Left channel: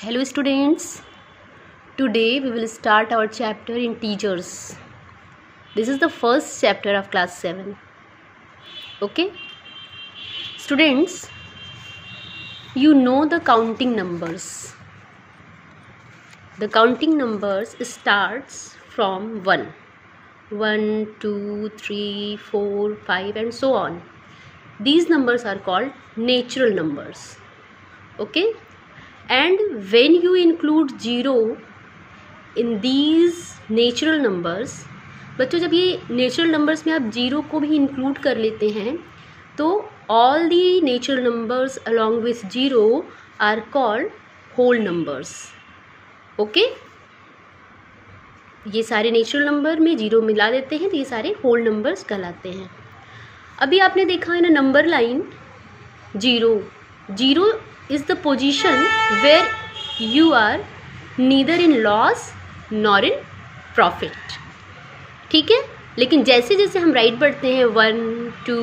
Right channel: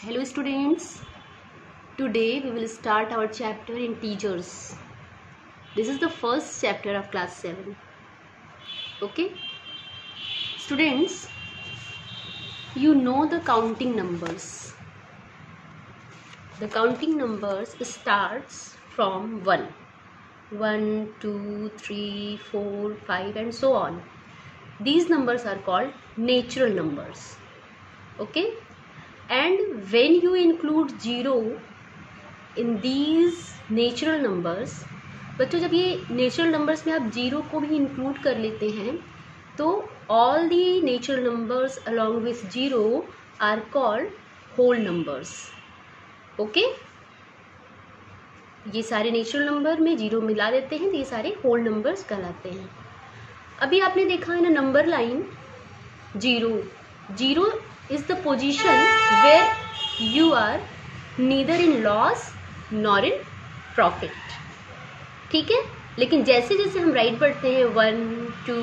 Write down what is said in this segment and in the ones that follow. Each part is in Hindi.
Hello students, today we will start our chapter integers. This is the first chapter of class 7. Okay? Students, you know the counting numbers. The counting numbers starts from 1. 1, 2, 3, 4, 5 and so on. These numbers are called natural numbers. Okay? And when you include 0 in these natural numbers, बच्चों जब ये नेचुरल नंबर्स में आप 0 को भी इंक्लूड कर लेते हैं तो all the natural numbers along with 0 are called whole numbers. Okay, ये सारे नेचुरल नंबर में 0 मिला देते हैं तो ये सारे होल नंबर्स कहलाते हैं. अभी आपने देखा है ना number line 0 is the position where you are neither in loss nor in profit. ठीक है, लेकिन जैसे जैसे हम राइट बढ़ते हैं 1, 2,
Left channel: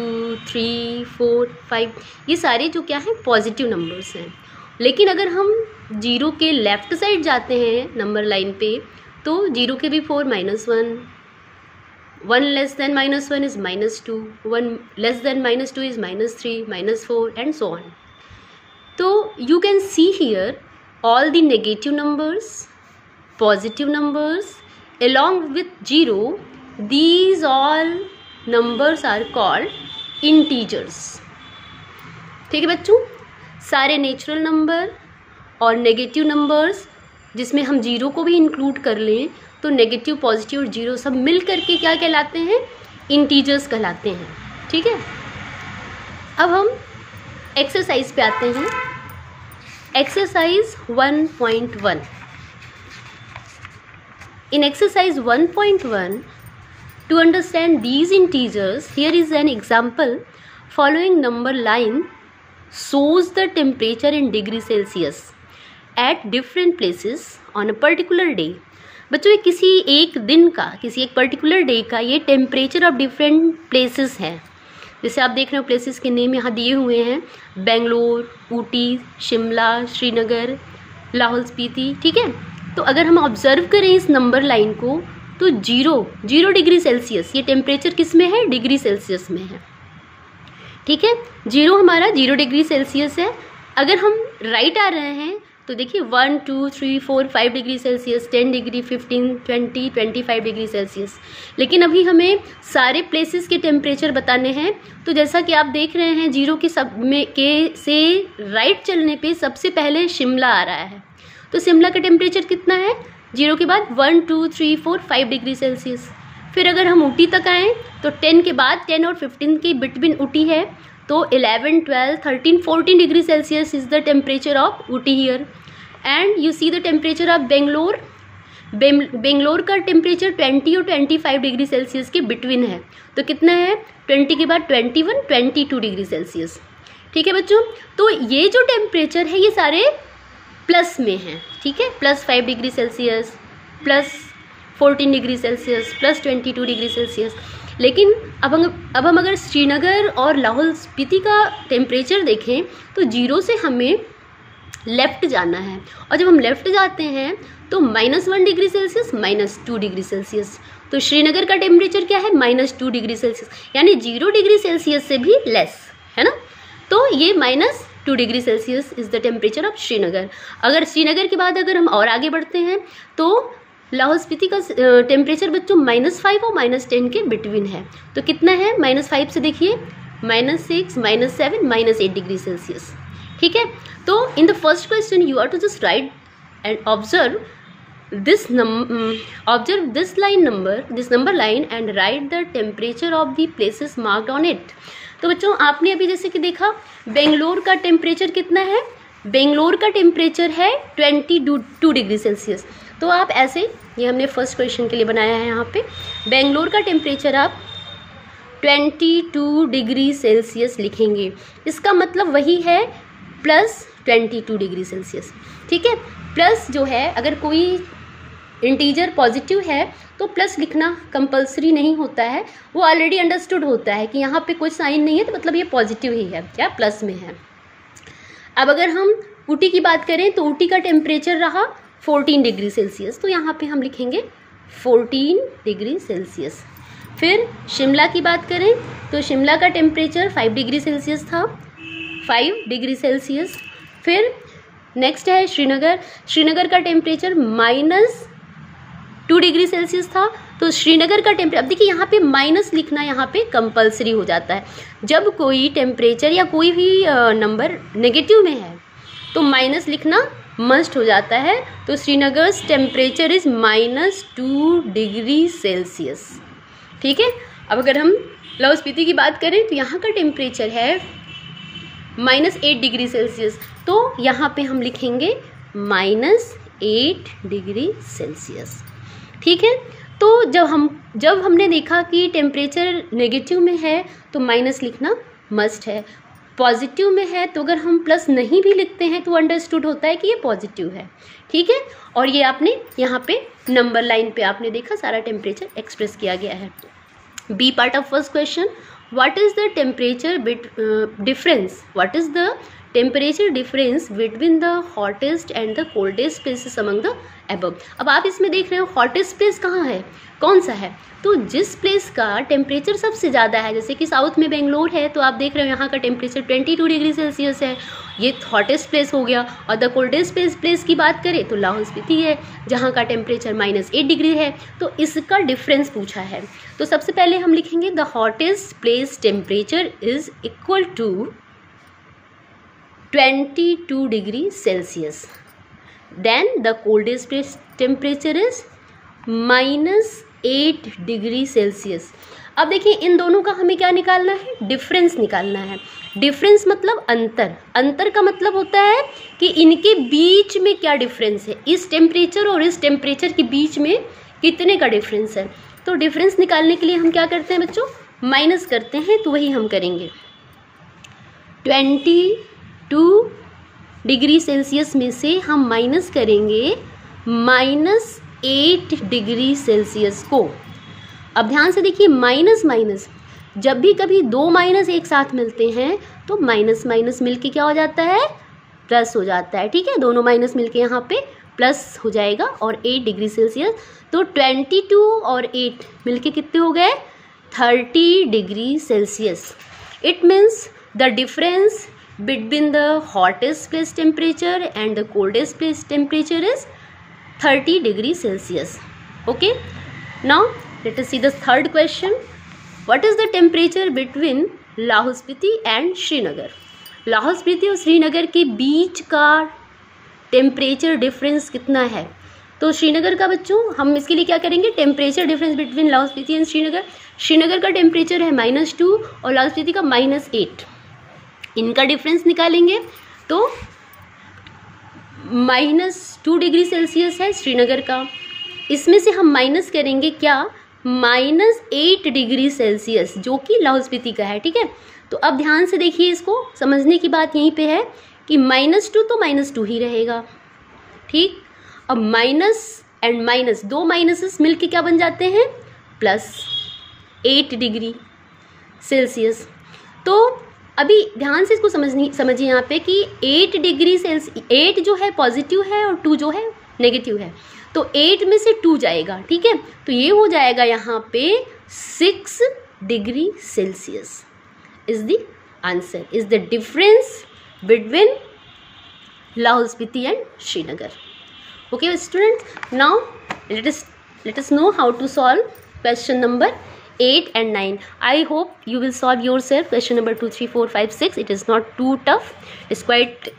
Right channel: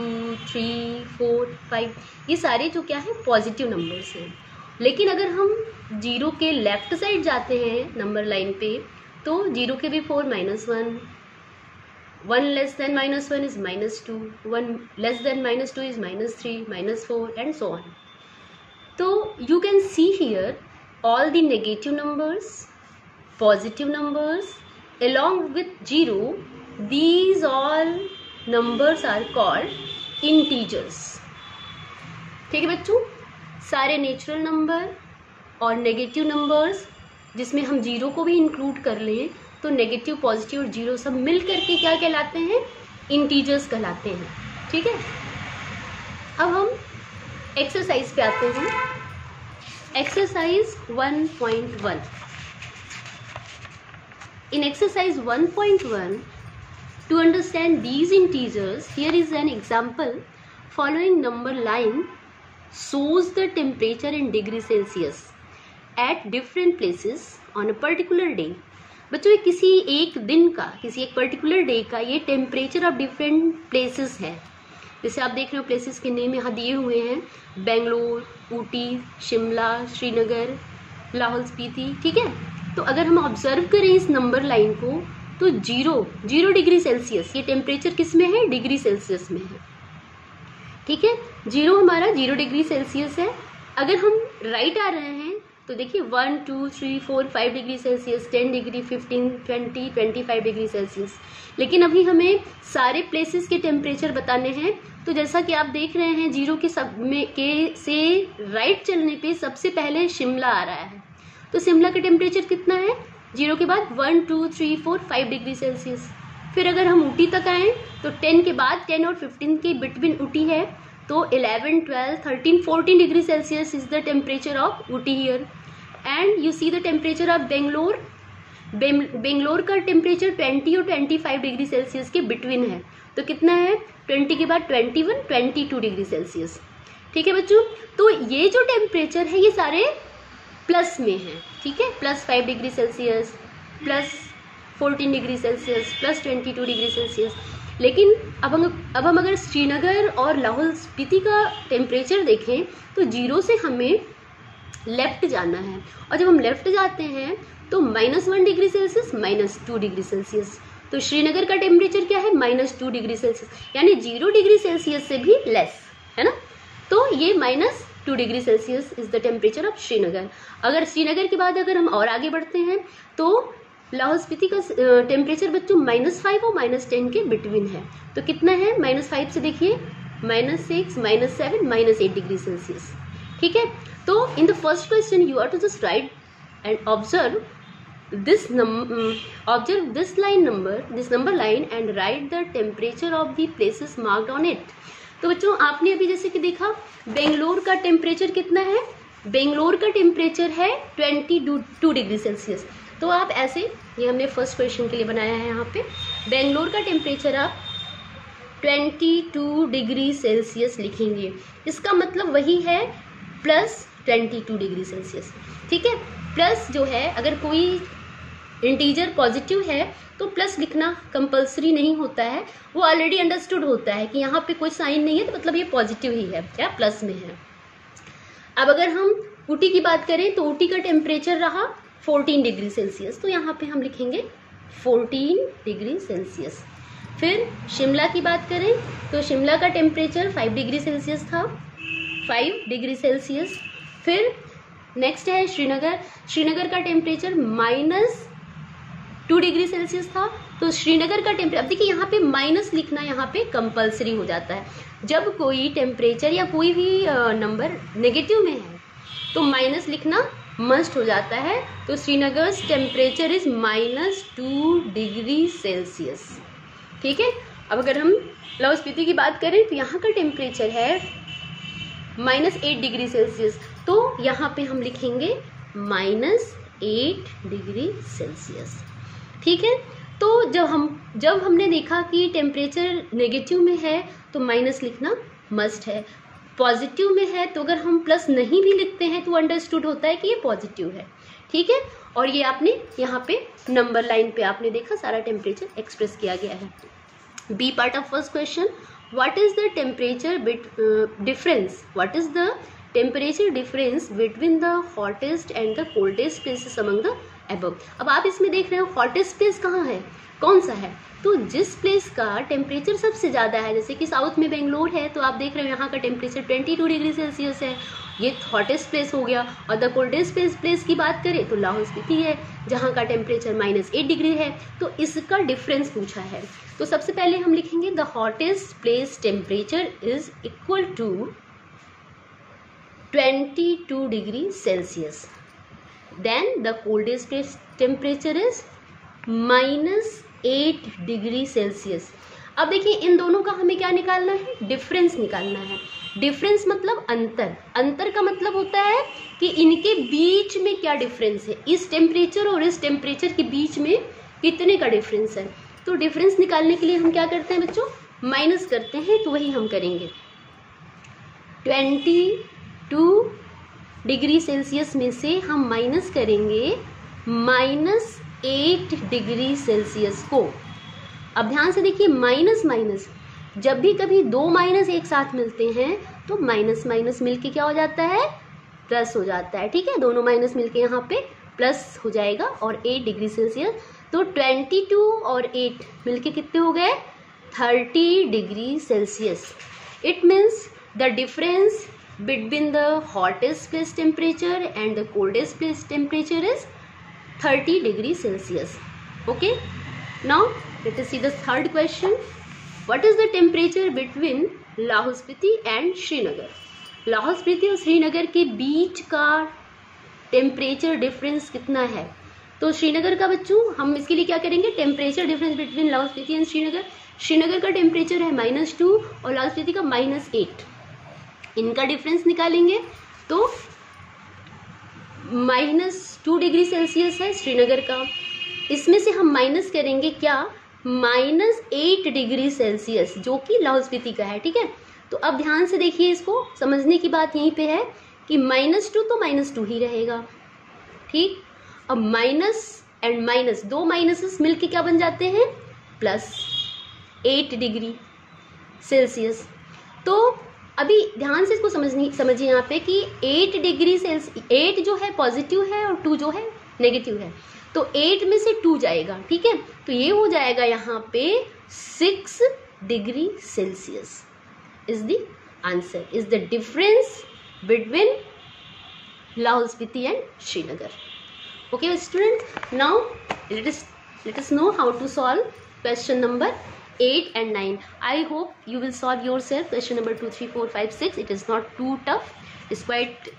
3, 4, 5 ये सारे जो क्या है पॉजिटिव नंबर्स हैं. लेकिन अगर हम 0 के लेफ्ट साइड जाते हैं नंबर लाइन पे तो 0 के भी 4 -1, 1 less than -1 is -2, 1 less than -2 is -3, -4 and so on. So you can see here all the negative numbers, positive numbers along with 0. These all numbers are called integers. ठीक है बच्चों, सारे नेचुरल नंबर और नेगेटिव नंबर्स जिसमें हम 0 को भी इंक्लूड कर लें तो नेगेटिव, पॉजिटिव और 0 सब मिल करके क्या कहलाते हैं? इंटीजर्स कहलाते हैं. ठीक है, अब हम एक्सरसाइज पे आते हैं. Exercise 1.1. In exercise 1.1, to understand these integers, here is an example. Following number line shows the temperature in degree Celsius at different places on a particular day. बच्चों ये किसी एक दिन का, किसी एक पर्टिकुलर डे का ये टेम्परेचर ऑफ डिफरेंट प्लेसेस है. जैसे आप देख रहे हो प्लेसेस के नेम यहाँ दिए हुए हैं, बेंगलोर, ऊटी, शिमला, श्रीनगर, लाहौल स्पीति. ठीक है, तो अगर हम ऑब्जर्व करें इस नंबर लाइन को तो 0 डिग्री सेल्सियस ये टेम्परेचर किस में है? डिग्री सेल्सियस में है. ठीक है, 0 हमारा 0 डिग्री सेल्सियस है. अगर हम राइट आ रहे हैं तो देखिए 1, 2, 3, 4, 5 degree Celsius, 10 degree, 15, 20, 25 degree Celsius. लेकिन अभी हमें सारे प्लेसेस के टेम्परेचर बताने हैं तो जैसा कि आप देख रहे हैं 0 के सब में के से राइट चलने पे सबसे पहले शिमला आ रहा है. तो शिमला का टेम्परेचर कितना है? 0 के बाद 1, 2, 3, 4, 5 डिग्री सेल्सियस. फिर अगर हम ऊटी तक आएँ तो 10 के बाद 10 और 15 के बिटवीन ऊटी है तो 11, 12, 13, 14 degree Celsius is the temperature of Ooty here. And you see the temperature of Bangalore. Bangalore का टेम्परेचर 20 और 25 डिग्री सेल्सियस के बिटवीन है. तो कितना है? 20 के बाद 21, 22 डिग्री सेल्सियस. ठीक है बच्चों, तो ये जो टेम्परेचर है ये सारे प्लस में हैं. ठीक है, +5 degree Celsius, +14 degree Celsius, +22 degree Celsius. लेकिन अब हम अगर श्रीनगर और लाहौल स्पीति का टेम्परेचर देखें तो 0 से हमें लेफ्ट जाना है और जब हम लेफ्ट जाते हैं तो -1 डिग्री सेल्सियस, -2 डिग्री सेल्सियस. तो श्रीनगर का टेम्परेचर क्या है? -2 डिग्री सेल्सियस, यानी 0 डिग्री सेल्सियस से भी लेस है ना. तो ये -2 degree Celsius is the temperature of Srinagar. अगर श्रीनगर के बाद अगर हम और आगे बढ़ते हैं तो लाहौल स्पीति का टेम्परेचर बच्चों -5 और -10 के बिटवीन है. तो कितना है? -5 से देखिए -6, -7, -8 डिग्री सेल्सियस. ठीक है, तो in the first question you are to just write and observe this number line and write the temperature of the places marked on it. तो बच्चों आपने अभी जैसे कि देखा बेंगलोर का टेम्परेचर कितना है? बेंगलोर का टेम्परेचर है 22 डिग्री सेल्सियस. तो आप ऐसे, ये हमने फर्स्ट क्वेश्चन के लिए बनाया है, यहाँ पे बेंगलोर का टेम्परेचर आप 22 डिग्री सेल्सियस लिखेंगे. इसका मतलब वही है +22 डिग्री सेल्सियस. ठीक है, प्लस जो है अगर कोई इंटीजर पॉजिटिव है तो प्लस लिखना कंपल्सरी नहीं होता है, वो ऑलरेडी अंडरस्टूड होता है कि यहाँ पे कोई साइन नहीं है तो मतलब ये पॉजिटिव ही है या प्लस में है. अब अगर हम ऊटी की बात करें तो ऊटी का टेम्परेचर रहा 14 डिग्री सेल्सियस, तो यहाँ पे हम लिखेंगे 14 डिग्री सेल्सियस। फिर शिमला की बात करें तो शिमला का टेम्परेचर 5 डिग्री सेल्सियस था, 5 डिग्री सेल्सियस। फिर नेक्स्ट है श्रीनगर, श्रीनगर का टेम्परेचर -2 डिग्री सेल्सियस था, तो श्रीनगर का टेम्परेचर, अब देखिए यहाँ पे माइनस लिखना यहाँ पे कंपलसरी हो जाता है। जब कोई टेम्परेचर या कोई भी नंबर नेगेटिव में है तो माइनस लिखना मस्ट हो जाता है। तो Srinagar temperature is -2 degree Celsius, ठीक है। अब अगर हम लाहौल स्पीति की बात करें तो यहाँ का टेम्परेचर है -8 डिग्री सेल्सियस, तो यहाँ पे हम लिखेंगे -8 डिग्री सेल्सियस, ठीक है। तो जब हमने देखा कि टेम्परेचर नेगेटिव में है तो माइनस लिखना मस्ट है, पॉजिटिव में है तो अगर हम प्लस नहीं भी लिखते हैं तो अंडरस्टूड होता है कि ये पॉजिटिव है, ठीक है। और ये आपने यहाँ पे नंबर लाइन पे आपने देखा सारा टेम्परेचर एक्सप्रेस किया गया है। B part of first question, what is the temperature difference, what is the temperature difference between the hottest and the coldest places among the above. अब आप इसमें देख रहे हो हॉटेस्ट प्लेस कहाँ है, कौन सा है, तो जिस प्लेस का टेम्परेचर सबसे ज़्यादा है, जैसे कि साउथ में बेंगलोर है तो आप देख रहे हो यहाँ का टेम्परेचर 22 डिग्री सेल्सियस है, ये हॉटेस्ट प्लेस हो गया। और द कोल्डेस्ट प्लेस की बात करें तो लाहौल स्पीति है जहाँ का टेम्परेचर -8 डिग्री है, तो इसका डिफरेंस पूछा है। तो सबसे पहले हम लिखेंगे the hottest place temperature is equal to 22 degree Celsius, then the coldest place temperature is -8 degree Celsius. अब देखिए इन दोनों का हमें क्या निकालना है, डिफरेंस निकालना है। डिफरेंस मतलब अंतर, अंतर का मतलब होता है कि इनके बीच में क्या डिफरेंस है, इस टेम्परेचर और इस टेम्परेचर के बीच में कितने का डिफरेंस है। तो डिफरेंस निकालने के लिए हम क्या करते हैं बच्चों, माइनस करते हैं, तो वही हम करेंगे। 22 डिग्री सेल्सियस में से हम माइनस करेंगे -8 डिग्री सेल्सियस को। अब ध्यान से देखिए माइनस माइनस, जब भी कभी दो माइनस एक साथ मिलते हैं तो माइनस माइनस मिलके क्या हो जाता है, प्लस हो जाता है, ठीक है। दोनों माइनस मिलके यहाँ पे प्लस हो जाएगा और 8 डिग्री सेल्सियस, तो 22 और 8 मिलके कितने हो गए, 30 degree Celsius. It means the difference between the hottest place temperature and the coldest place temperature is 30 degree Celsius. Okay, now let us see the third question. What is the temperature between Lahaul Spiti and Srinagar? Lahaul Spiti और श्रीनगर के बीच का टेम्परेचर डिफरेंस कितना है। तो श्रीनगर का बच्चों हम इसके लिए क्या करेंगे, temperature difference between Lahaul Spiti and Srinagar. Srinagar का टेम्परेचर है -2 और लाहौल स्पीति का -8, इनका डिफरेंस निकालेंगे तो -2 डिग्री सेल्सियस है श्रीनगर का, इसमें से हम माइनस करेंगे क्या, -8 डिग्री सेल्सियस जो कि लाहौल स्पीति का है, ठीक है। तो अब ध्यान से देखिए, इसको समझने की बात यहीं पे है कि -2 तो -2 ही रहेगा, ठीक। अब माइनस एंड माइनस, दो माइनसेस मिलके क्या बन जाते हैं, +8 डिग्री सेल्सियस। तो अभी ध्यान से इसको समझिए यहाँ पे कि 8 डिग्री सेल्सियस, 8 जो है पॉजिटिव है और 2 जो है नेगेटिव है, तो 8 में से 2 जाएगा, ठीक है। तो ये हो जाएगा यहाँ पे 6 degree Celsius is the answer, is the difference between Lahaul Spiti and Srinagar. Okay students, now let us know how to solve question number 8 and 9. I hope you will solve yourself question number 2, 3, 4, 5, 6. It is not too tough. It's quite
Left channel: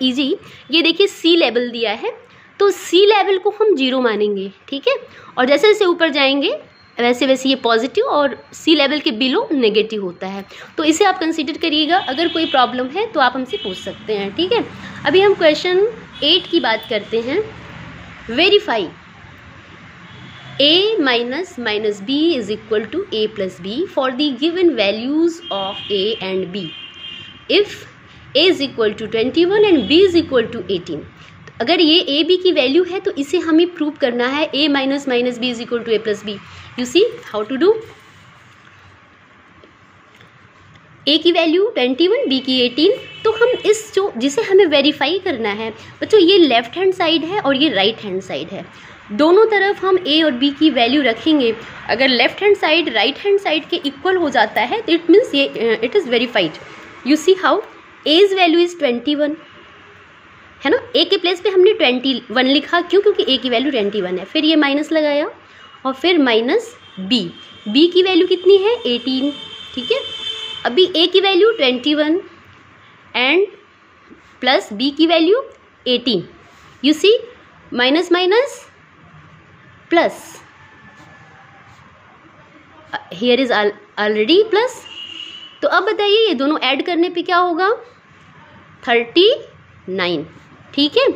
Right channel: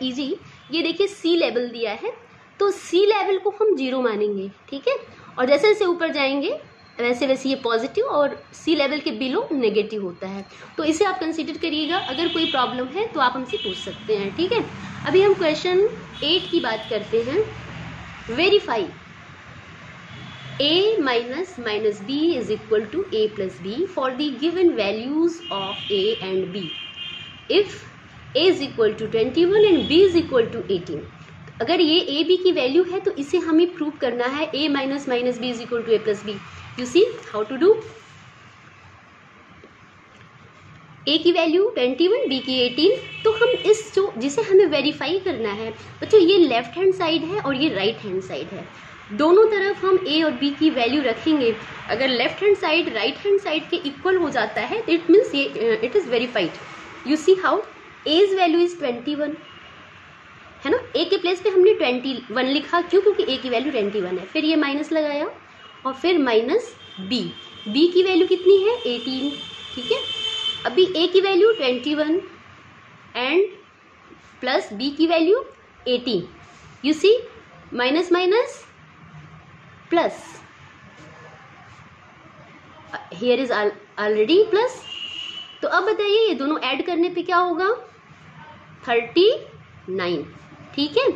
easy. ये देखिए सी लेवल दिया है, तो सी लेवल को हम 0 मानेंगे, ठीक है। और जैसे जैसे ऊपर जाएंगे वैसे वैसे ये पॉजिटिव और सी लेवल के बिलो नेगेटिव होता है, तो इसे आप कंसीडर करिएगा। अगर कोई प्रॉब्लम है तो आप हमसे पूछ सकते हैं, ठीक है। अभी हम क्वेश्चन 8 की बात करते हैं। Verify a minus b is equal to a plus b for the given values of a and b. If a is equal to 21 and b is equal to 18, अगर ये a b की वैल्यू है तो इसे हमें प्रूव करना है a minus b is equal to a plus b. You see how to do? ए की वैल्यू 21, बी की 18। तो हम इस जो जिसे हमें वेरीफाई करना है बच्चों, ये लेफ्ट हैंड साइड है और ये राइट हैंड साइड है। दोनों तरफ हम ए और बी की वैल्यू रखेंगे। अगर left hand side right hand side के इक्वल हो जाता है तो इट मीन्स ये it is verified. You see how as value is 21 है ना। ए के प्लेस पे हमने 21 लिखा, क्यों? क्योंकि ए की वैल्यू 21 है। फिर ये माइनस लगाया और फिर माइनस बी की वैल्यू कितनी है? 18। ठीक है, अभी ए की वैल्यू 21 एंड प्लस बी की value 18। You see minus minus plus, here is already plus. तो अब बताइए ये दोनों ऐड करने पे क्या होगा? 39। ठीक है,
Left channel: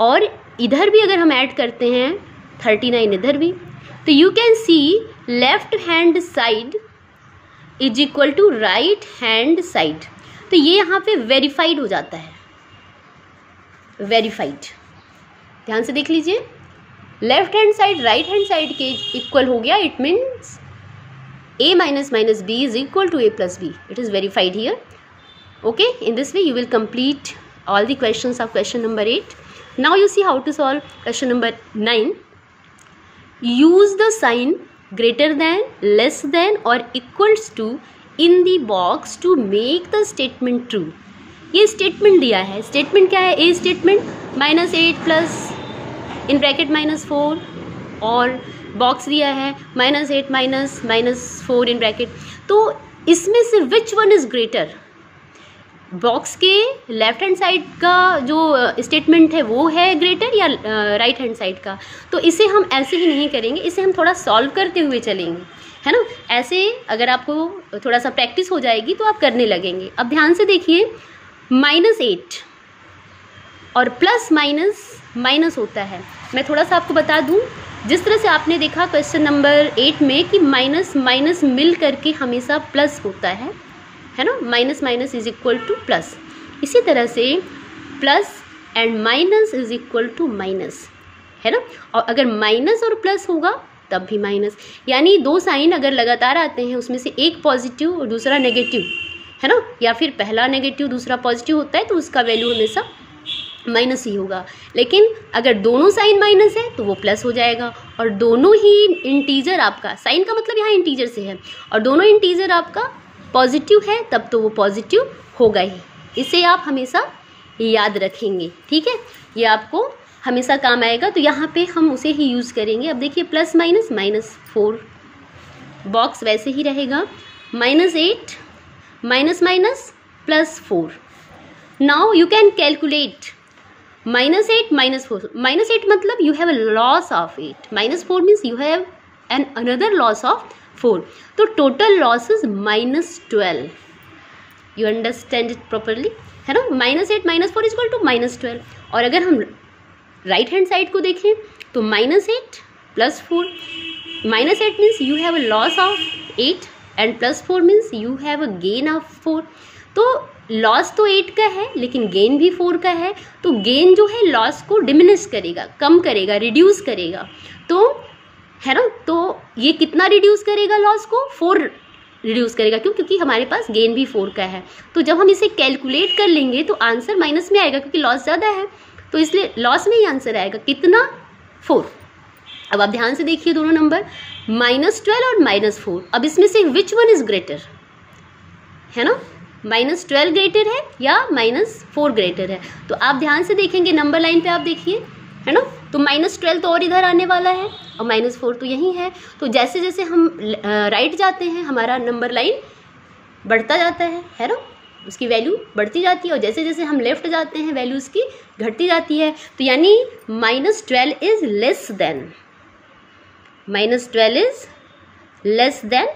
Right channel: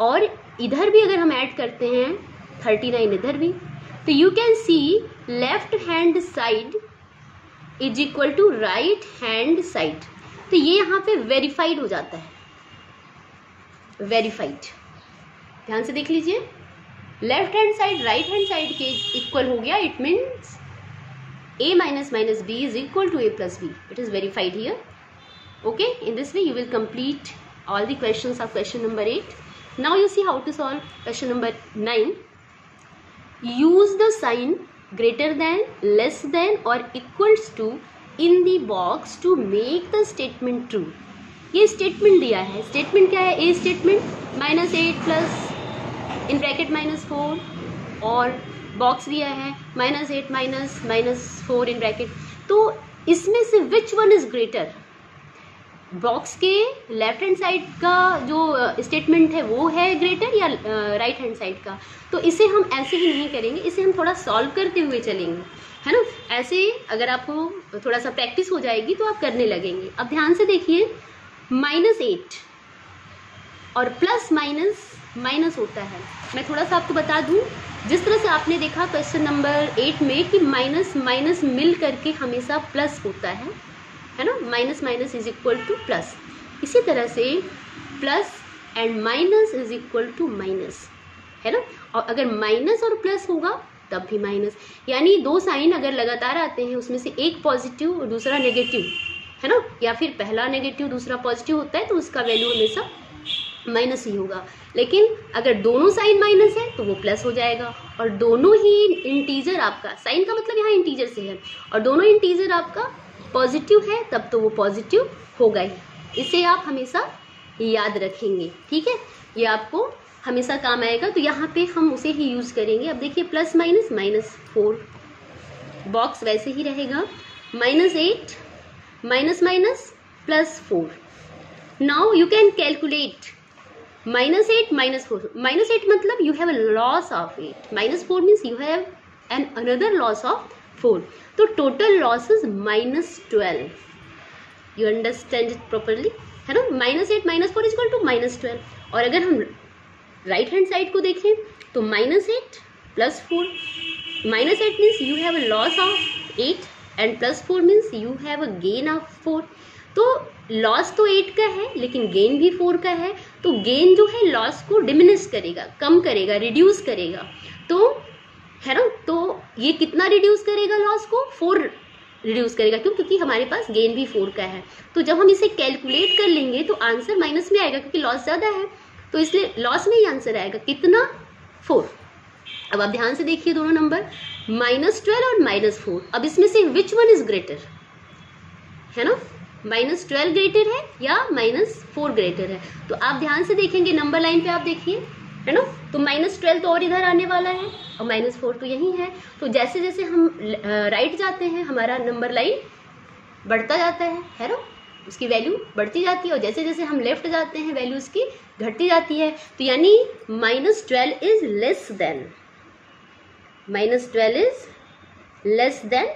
और इधर भी अगर हम ऐड करते हैं 39 इधर भी, तो you can see left hand side is equal to right hand side. तो ये यहाँ पे वेरीफाइड हो जाता है, वेरीफाइड। ध्यान से देख लीजिए, left hand side right hand side के इक्वल हो गया। It means a minus minus b is equal to a plus b. It is verified here. Okay, in this way you will complete all the questions of question number 8. Now you see how to solve question number 9. Use the sign greater than, less than or equals to in the box to make the statement true. ये statement दिया है। statement क्या है? a statement -8 plus in bracket -4 और बॉक्स दिया है -8 -4 इन ब्रैकेट। तो इसमें से which one is greater? Box के लेफ्ट हैंड साइड का जो स्टेटमेंट है वो है ग्रेटर या राइट हैंड साइड का? तो इसे हम ऐसे ही नहीं करेंगे, इसे हम थोड़ा सॉल्व करते हुए चलेंगे, है ना। ऐसे अगर आपको थोड़ा सा प्रैक्टिस हो जाएगी तो आप करने लगेंगे। अब ध्यान से देखिए, -8 और प्लस माइनस होता है। मैं थोड़ा सा आपको बता दूं, जिस तरह से आपने देखा क्वेश्चन नंबर 8 में कि माइनस माइनस मिल करके हमेशा प्लस होता है ना। Minus minus is equal to plus. इसी तरह से plus and minus is equal to minus, है ना। और अगर माइनस और प्लस होगा तब भी माइनस, यानी दो साइन अगर लगातार आते हैं उसमें से एक पॉजिटिव और दूसरा नेगेटिव, है ना, या फिर पहला नेगेटिव दूसरा पॉजिटिव होता है तो उसका वैल्यू हमेशा माइनस ही होगा। लेकिन अगर दोनों साइन माइनस है तो वो प्लस हो जाएगा। और दोनों ही इंटीजर आपका, साइन का मतलब यहाँ इंटीजर से है, और दोनों इंटीजर आपका पॉजिटिव है तब तो वो पॉजिटिव होगा ही। इसे आप हमेशा याद रखेंगे, ठीक है, ये आपको हमेशा काम आएगा। तो यहाँ पे हम उसे ही यूज़ करेंगे। अब देखिए प्लस माइनस -4, बॉक्स वैसे ही रहेगा, -8 minus minus +4। Now you can calculate -8 -4। -8 मतलब you have a loss of 8, -4 means you have another loss of 4. तो total loss is -12. You understand it properly, है ना। -8 -4 is equal to -12। और अगर हम राइट हैंड साइड को देखें तो -8 +4, -8 means you have a loss of 8 and +4 means you have a gain of 4. तो लॉस तो 8 का है लेकिन गेन भी 4 का है। तो गेन जो है लॉस को डिमिनिश करेगा, कम करेगा, रिड्यूस करेगा। तो है ना, तो ये कितना रिड्यूस करेगा लॉस को? 4 रिड्यूस करेगा। क्यों? क्योंकि हमारे पास गेन भी 4 का है। तो जब हम इसे कैलकुलेट कर लेंगे तो आंसर माइनस में आएगा क्योंकि लॉस ज़्यादा है, तो इसलिए लॉस में ही आंसर आएगा। कितना? 4। अब आप ध्यान से देखिए दोनों नंबर -12 और -4। अब इसमें से विच वन इज ग्रेटर, है ना। -12 ग्रेटर है या -4 ग्रेटर है? तो आप ध्यान से देखेंगे नंबर लाइन पे, आप देखिए, है ना। तो -12 तो और इधर आने वाला है और -4 तो यही है। तो जैसे जैसे हम राइट जाते हैं हमारा नंबर लाइन बढ़ता जाता है ना, उसकी वैल्यू बढ़ती जाती है। और जैसे जैसे हम लेफ्ट जाते हैं वैल्यू उसकी घटती जाती है। तो यानी -12 is less than, -12 is less than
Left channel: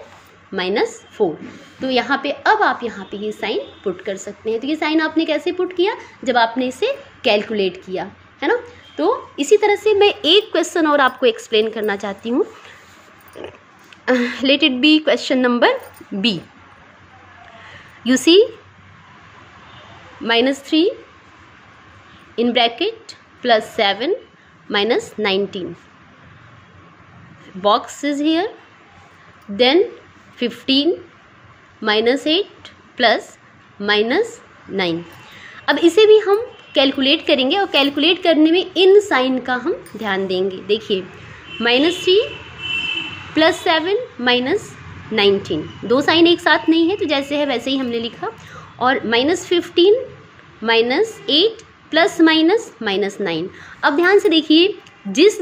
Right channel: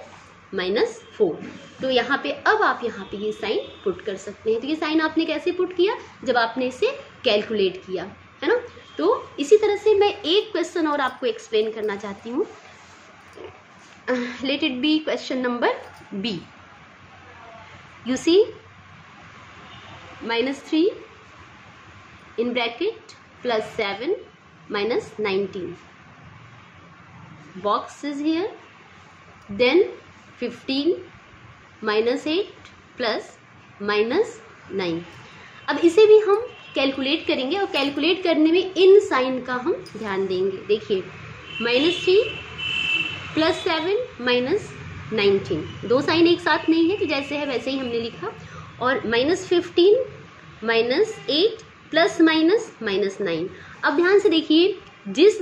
-4। तो यहाँ पे अब आप यहाँ पे ये साइन पुट कर सकते हैं। तो ये साइन आपने कैसे पुट किया? जब आपने इसे कैलकुलेट किया, है ना। तो इसी तरह से मैं एक क्वेश्चन और आपको एक्सप्लेन करना चाहती हूँ। Let it be question number B. You see -3 in bracket +7 -19. Box is here. Then 15 -8 plus minus 9। अब इसे भी हम कैलकुलेट करेंगे और कैलकुलेट करने में इन साइन का हम ध्यान देंगे। देखिए -3 प्लस 7 माइनस 19, दो साइन एक साथ नहीं है तो जैसे है वैसे ही हमने लिखा। और -15 -8 प्लस माइनस -9। अब ध्यान से देखिए जिस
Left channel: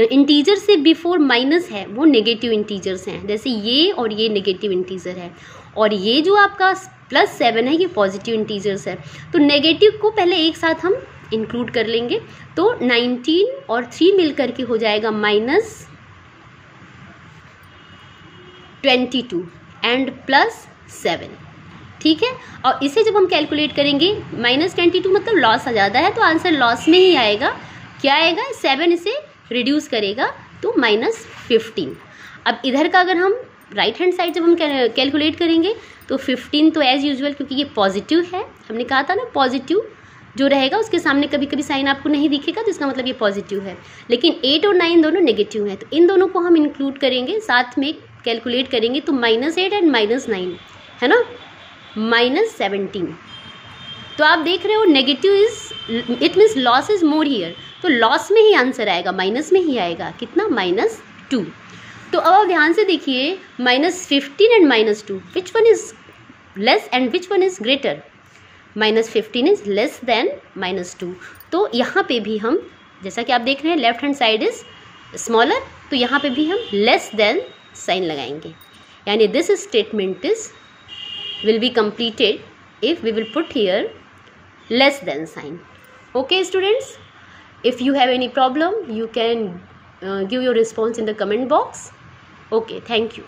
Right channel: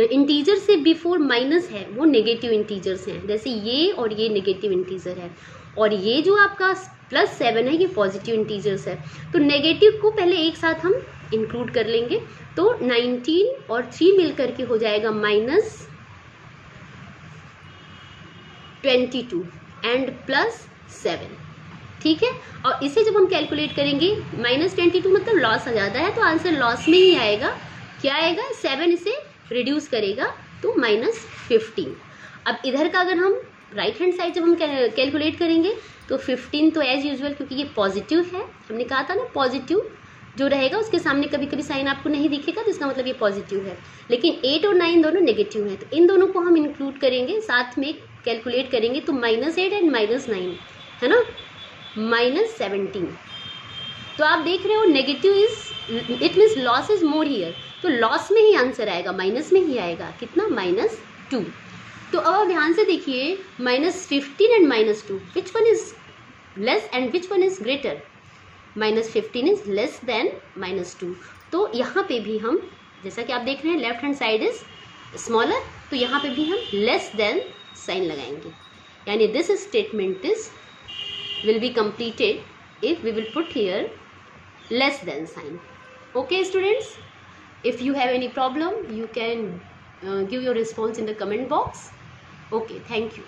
इंटीजर से बिफोर माइनस है वो नेगेटिव इंटीजर्स हैं, जैसे ये और ये नेगेटिव इंटीजर है, और ये जो आपका +7 है ये पॉजिटिव इंटीजर्स है। तो नेगेटिव को पहले एक साथ हम इंक्लूड कर लेंगे, तो 19 और 3 मिलकर के हो जाएगा -22 एंड +7, ठीक है। और इसे जब हम कैलकुलेट करेंगे -22 मतलब लॉस आ जाता है, तो आंसर लॉस में ही आएगा। क्या आएगा, 7 इसे रिड्यूस करेगा तो -15। अब इधर का अगर हम राइट हैंड साइड जब हम कैलकुलेट करेंगे तो 15 तो एज यूजुअल, क्योंकि ये पॉजिटिव है, हमने कहा था ना पॉजिटिव जो रहेगा उसके सामने कभी कभी साइन आपको नहीं दिखेगा तो इसका मतलब ये पॉजिटिव है। लेकिन 8 और 9 दोनों नेगेटिव है, तो इन दोनों को हम इंक्लूड करेंगे, साथ में कैलकुलेट करेंगे तो -8 एंड -9 है ना, -17। तो आप देख रहे हो negative is it means loss is more here, तो लॉस में ही आंसर आएगा, माइनस में ही आएगा। कितना, -2। तो अब ध्यान से देखिए -15 and -2 which one is less and which one is greater. -15 is less than -2। तो यहाँ पे भी हम, जैसा कि आप देख रहे हैं left hand side is smaller, तो यहाँ पे भी हम लेस देन साइन लगाएंगे, यानी this statement is will be completed if we will put here less than sign. Okay students, if you have any problem you can give your response in the comment box. Okay, thank you.